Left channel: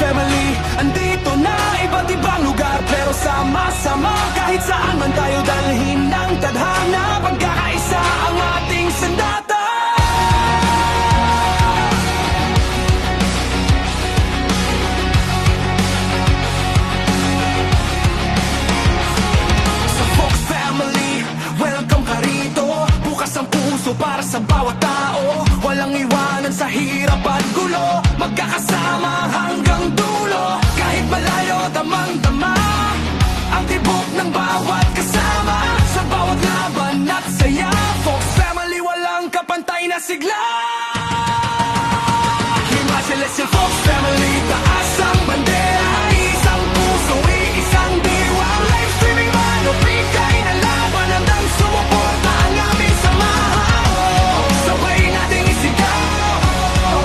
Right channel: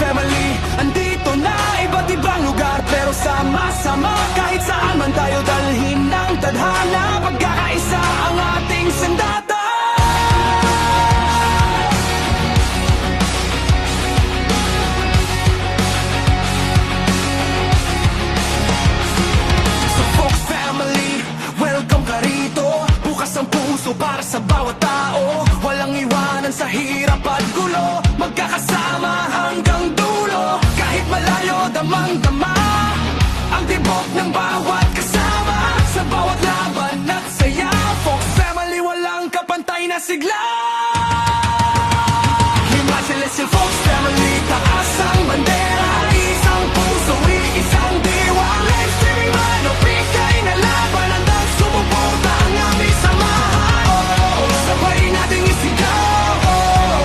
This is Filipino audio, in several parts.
Family, andito na iba't ibang lugar, pero sama-sama kahit saan man tayo dalhin ng tadhana. Pagkakaisa ang ating sandata. Sa Fox Family, welcome ka rito. Bukas ang puso para sa bawat tao. Walang iwanan sa hirap at gulo. Magkakasama hanggang dulo. Kahit malayo, damang-dama ang tibok ng bawat kasama. Sa bawat laban at saya, Fox Family, walang kapantay na sigla. Himla Celestial Fox Family, taas ang bandera. Isang puso, iisang diwa. Live streaming man o pikay na laban, handang sumuporta ang aming samahan. Sabay nating isigaw,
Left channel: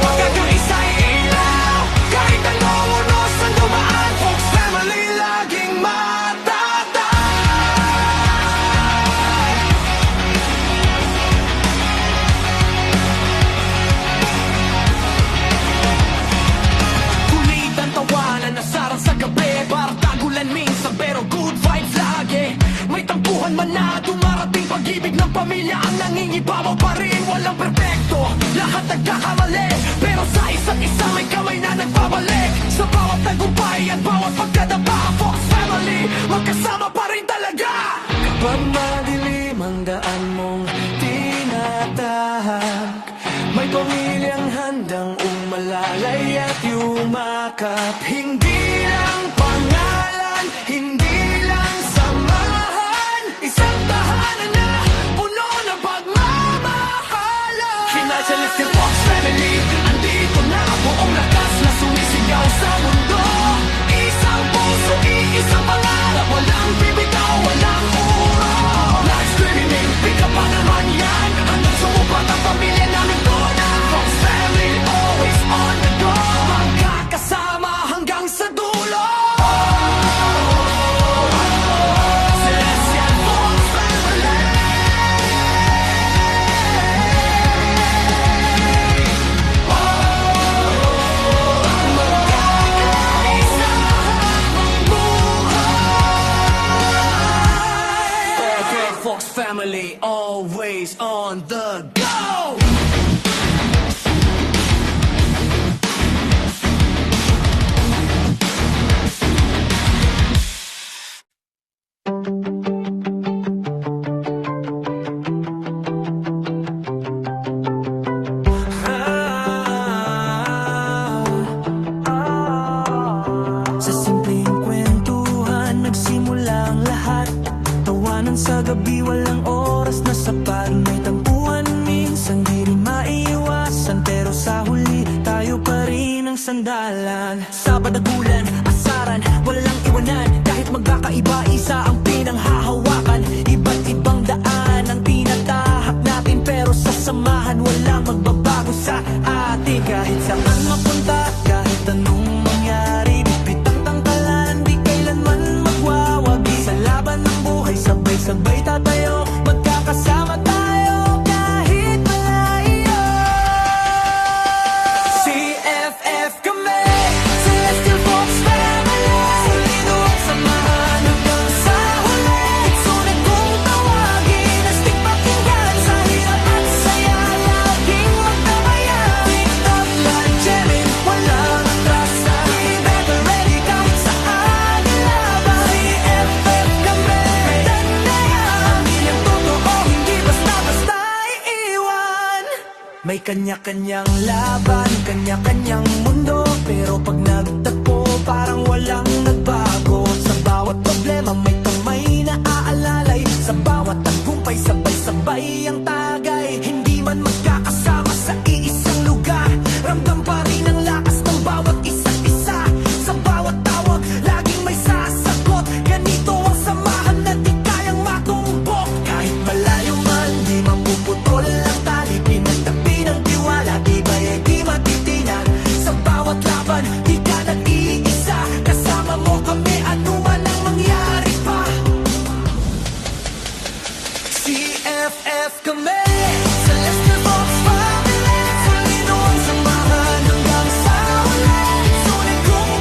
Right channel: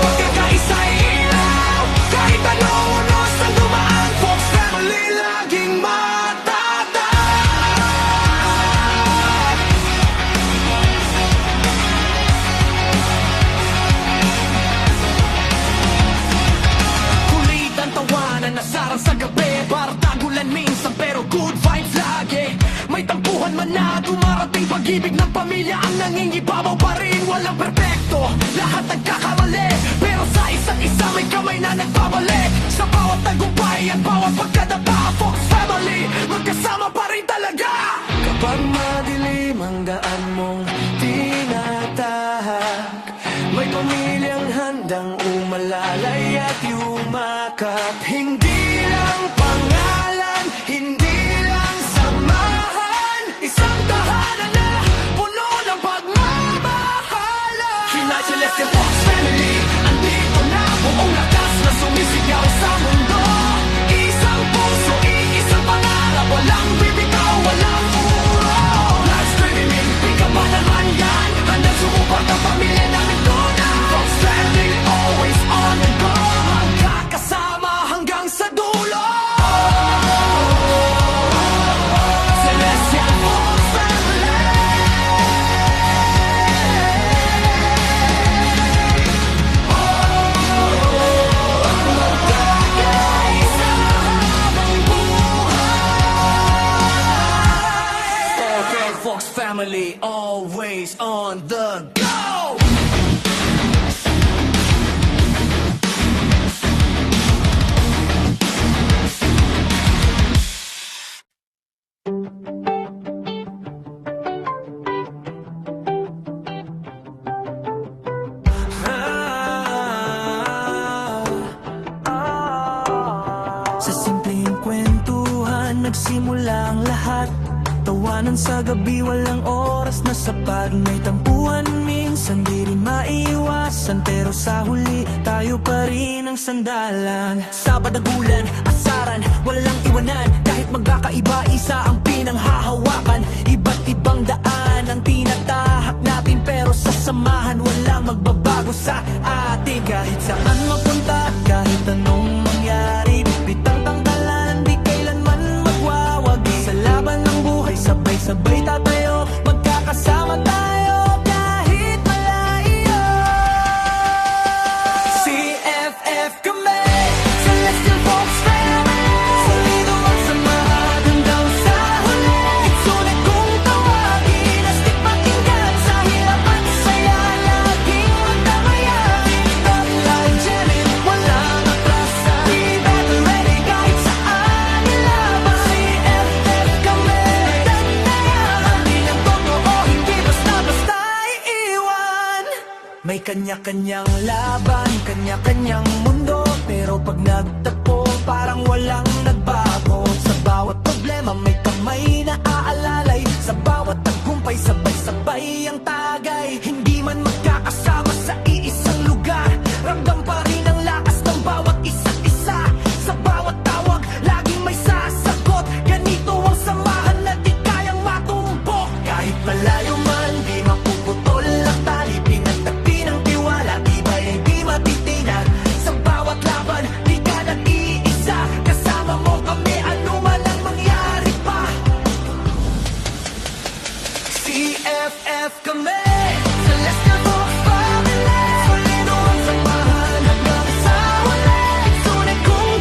pagkakaisa'y ilaw. Kahit anong unos ang dumaan, Fox Family laging matatag. Kulitan, tawanan, nasarang sa gabi. Bardagulan minsan pero good vibes lagi. May tampuhan man na dumarating, pag-ibig ng pamilya ang nangingibabaw pa rin. Walang perpekto, lahat nagkakamali, pero sa isa't isa may kamay na nagbabalik. Sa bawat tagumpay at bawat pagkadapa, Fox Family, magkasama pa rin talaga. Kapag madilim ang daan mong tinatahak, may pamilyang handang umalalay at yumakap. Hindi lang pangalan, hindi lang samahan, isang tahanan na puno ng pagmamahalan. Hinay Celestial Fox Family, andito na buong lakas na sumisigaw sa mundo. Isang puso, iisang pangarap, walang bibitaw, walang uro. Live streaming, pika-badal man yan, handang sumuport ang pamilya naming tuna. Fox Family, always on the go, magkakasama hanggang sa dulo. Celestial Fox Family, magkakaisa habang buhay. Perfect Fox Family, always on the go. Sa simpleng kwentuhan nagsimula ang lahat. Tawanan sa gabi, walang oras na sapat. May tampuhan minsan, di rin maiwasan, pero sa huli tayo pa rin ang sandalan. Sa padagulan, asaran, walang iwanan. Kahit magkakaiba, isa ang pinanghahawakan. Iba't ibang daan ang tinatahak natin, pero sa samahan walang magbabago sa atin. Kahit saan mapunta, kahit anong mangyari, bitang tangkalan, di kailanman magwawagi. Sa laban ng buhay, sabay-sabay tatayo, magkakasama tayo kahit malayo. CFF kami, Celestial Fox Family, solido ang samahan hanggang sa huli. Itsunay kong tawagin, astig pakinggan, sa hirap at saya laging magdamayan. TikTok live jamming, walang atrasan, be better ready kahit saan ilaban. CFF kami, tandaan na yan, pamilyang totoo, hindi basta-basta iiwan. May kanya-kanyang laban, kanya-kanyang mundo, pero pag nagtagpo, parang walang nagbago. Sa bawat problema, may kamay na aalalay. Sa bawat tagumpay, sabay-sabay ang tagay. Hindi man magkakasama sa iisang lugar, ramdam pa rin ang lakas ng bawat isa't isa. Sa bawat tawag, laging may sasagot. Ganito ang samahan na di kayang matumbok. Kahit malayo man, di mapuputol ang tali. Pinagtagpi ng tiwala, tibay ay di matitinag. Sa bawat laban, di ka nag-iisa. Kasama mo kami, anuman ang mangyari pa. CFF kami, Celestial Fox Family, solido ang samahan hanggang sa huli. Tunay kong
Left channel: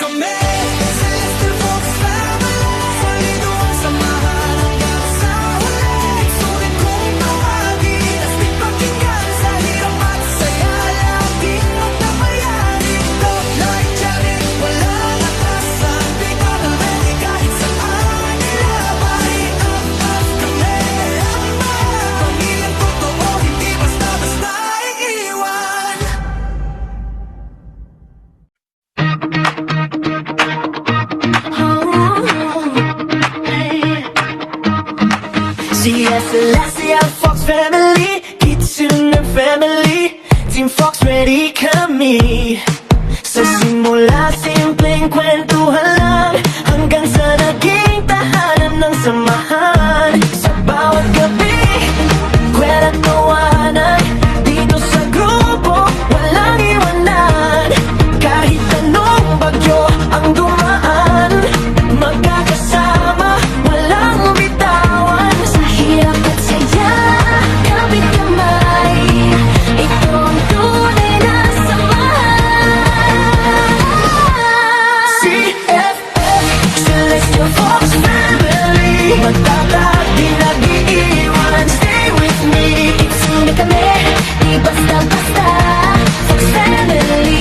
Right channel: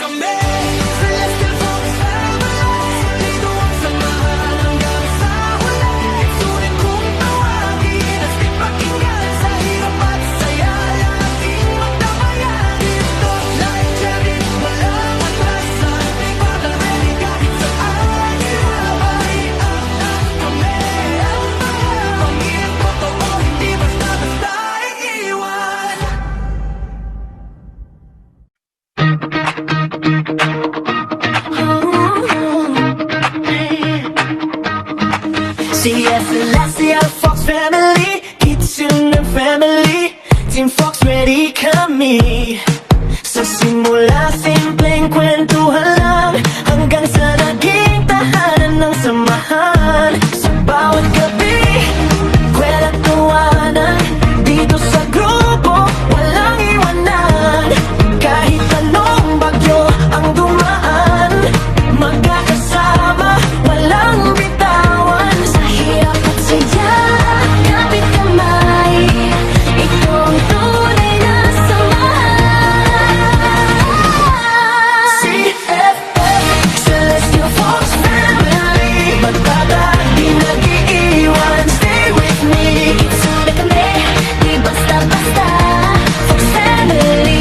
kami, Celestial Fox Family. Solido ang samahan hanggang sa huli. Sulit kong tawagin, astig pakinggan. Sa hirap at saya, laging magdamayan. Ito, like jamming, walang atrasan. Big battle ready, kahit saan ilaban. I-up kami, pamilyang totoo, hindi basta-basta iiwan. CF Celestial Fox Family, Kitchen and Family, Team Fox ready kami. Sa simula, simpleng kwentuhan lang, hanggang sa naging tahanan ng samahan. Sa bawat gabi, kwela tawanan, dito sa grupo, walang iwanan. Kahit anong bagyo ang dumaan, magkakasama, walang bitawan. Sa hirap at saya, kapit kamay, ito ang tunay na samahan. CFF, Celestial Fox Family, magtatag, di nag-iiwan. Stay with me, itsune kami, di basta-basta. Fox Family,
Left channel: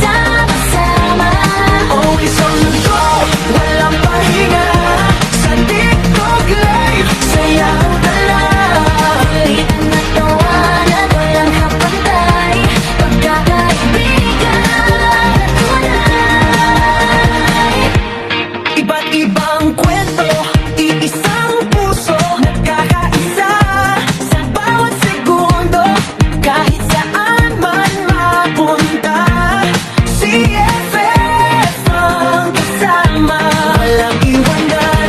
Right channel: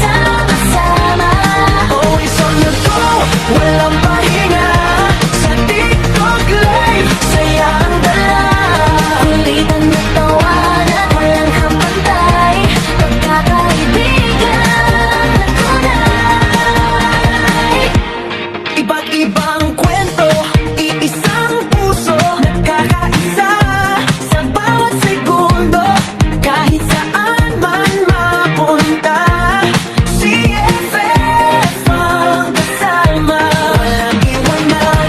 sama-sama, always on the go, walang pahinga. Sa TikTok live, saya ang dala. Ulitan na tawanan, walang kapantay. Pagkakaibigan na tunay. Iba't ibang kwento, iisang puso, nagkakaisa sa bawat segundo. Kahit saan man mapunta, CFF ang kasama. Walang iwanan,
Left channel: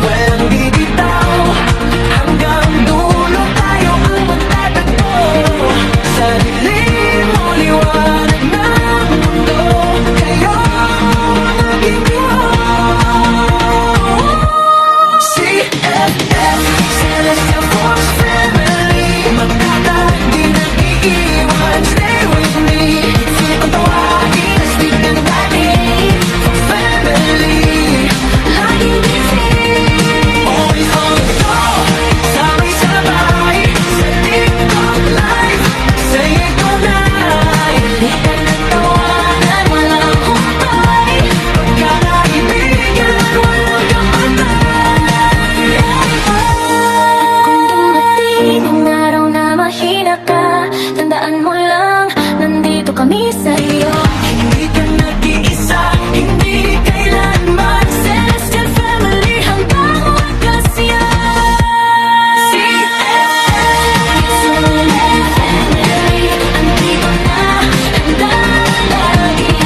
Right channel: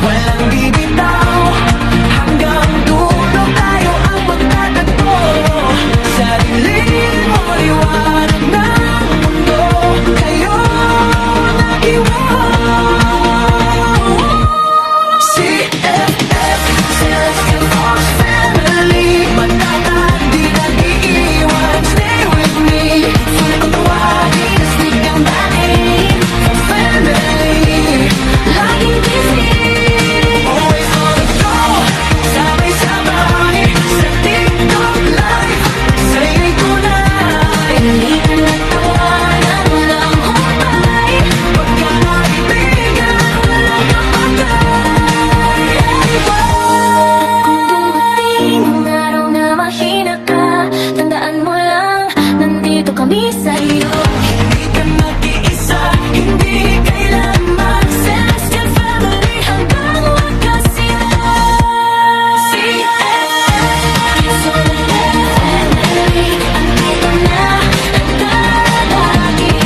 walang bibitaw, hanggang dulo tayo ang magtatagpo. Sa dilim o liwanag ng mundo, kayo ang aking buhay. CFF, Celestial Fox Family, matatag, di nag-iiwan. Stay with me, sila kong tawagin, astig ang dating. Fox Family, laging busy, always on the go, sabay-sabay. Sa TikTok live, saya'y tunay. Ulitan ng tawanan, walang humpay. Pagkakaibigan, walang kapatay. At kung dumating ang araw na mahina ka, tandaan mo lang, nandito kami sa'yo. Hindi ka nag-iisa, hindi kailanman. Celestial Family hanggang wakas yan. CFF, Family, andito na, handa lagi.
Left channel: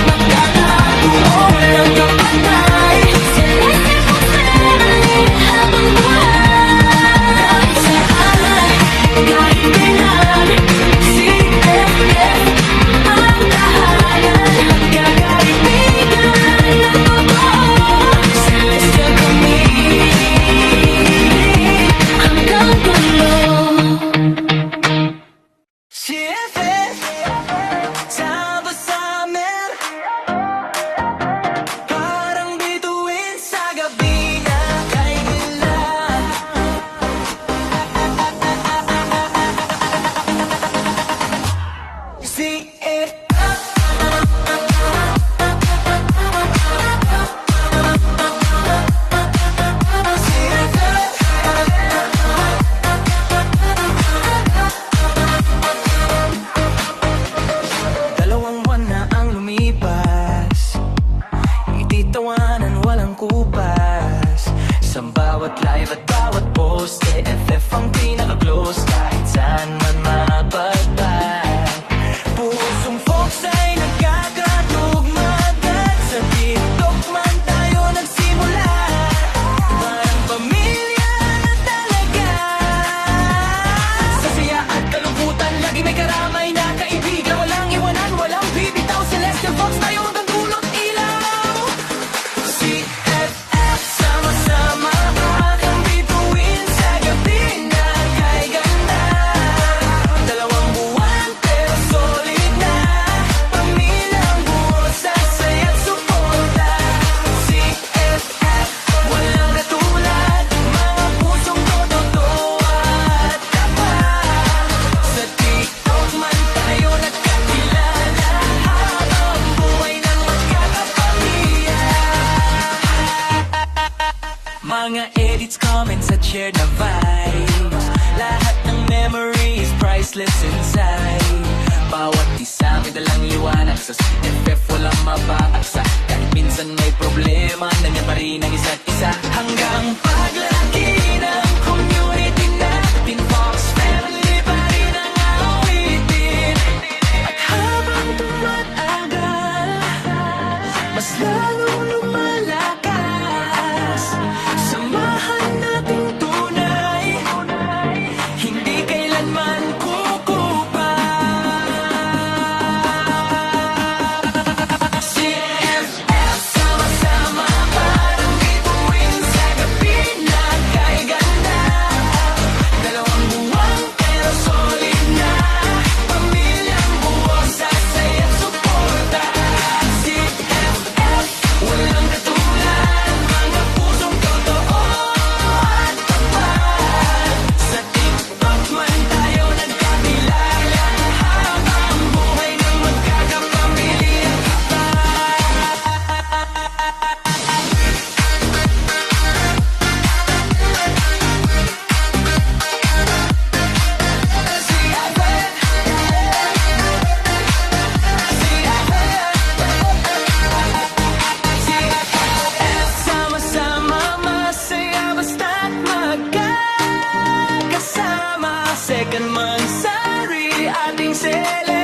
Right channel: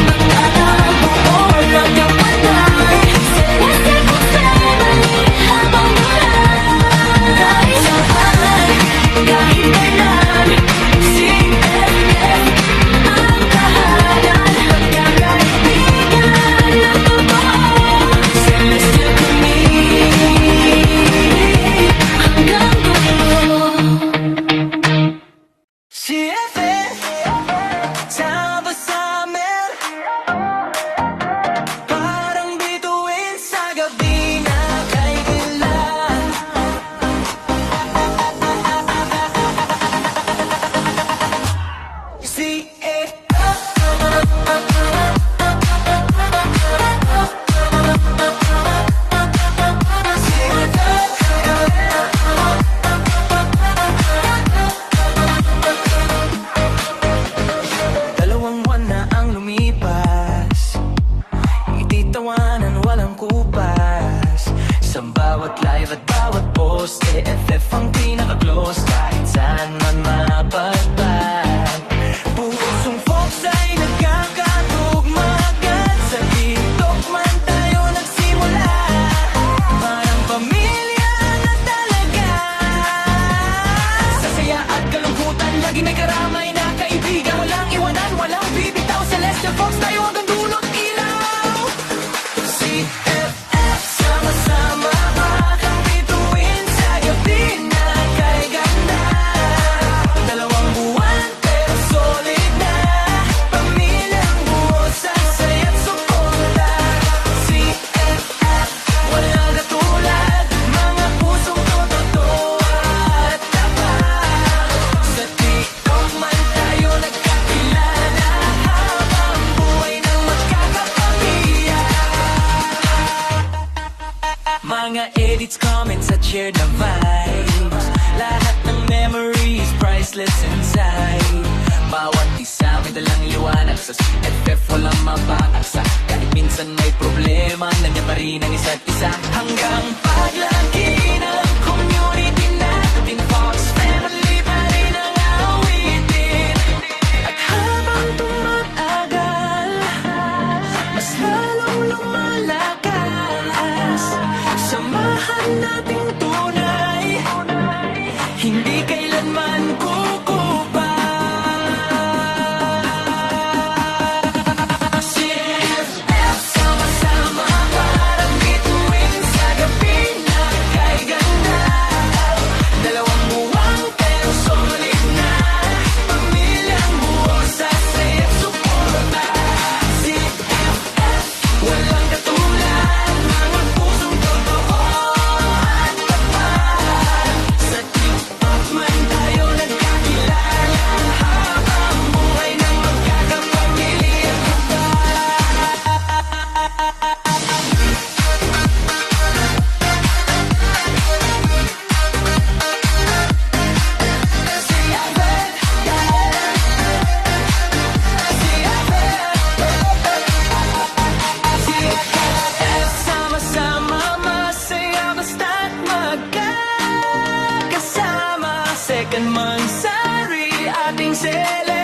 Pagkakabuo, walang kapantay. Celestial Fox Family, habang buhay. Kahit saan, kahit kailan, CFF ang tahanan. Pagkakaibigan na totoo, Celestial kami, hanggang dulo. CFF, sama sa amin, parang bituin sa gabi na kay gila. Dalawang buwan na ang lumipas, ititawanan walang kupas. Sa bawat live at bawat post, CFF ang pinaka-close. Kahit saan man mapadpad, pusong Fox ay nagkakatugma agad. Sa TikTok man tayo nagsimula, parang pamilya na talaga. Sa saya at kalungkutan, lagi may karamay na kaibigan. Walang iwanan, walang bibitaw. Celestial Fox tayo hanggang dulot ilaw. CFF, sama-sama, akang bituin sa gabi na kay ganda. Dalawang buwan pero solid na, pamilyang buo sa saya Mga edits, comments at shared na vibes. Lahat ng memories, priceless inside. Bawat isa may dalang liwanag. Sa CFF walang mabakaksa. Kahit minsan may problema, nandiyan pa rin ang isa't isa. Hanggang paglaki ng community natin, Fox Family pa rin ang awitin. At habang tumatagal, mas lalong lumalakas. Samahan nating tunay, hindi kailanman kukupa. CFF, sama-sama parang bituin sa gabi na kay ganda. Dalawang buwang pero solid na, pamilyang buo sa saya't suporta. CFF, walang katulad, mga pusong totoo at tapat. Sa TikTok man tayo nagkakilala, habang buhay ng magkakapamilya pa. CFF, sama-sama masaya basta't magkakasama. Second month sari ating celebrate.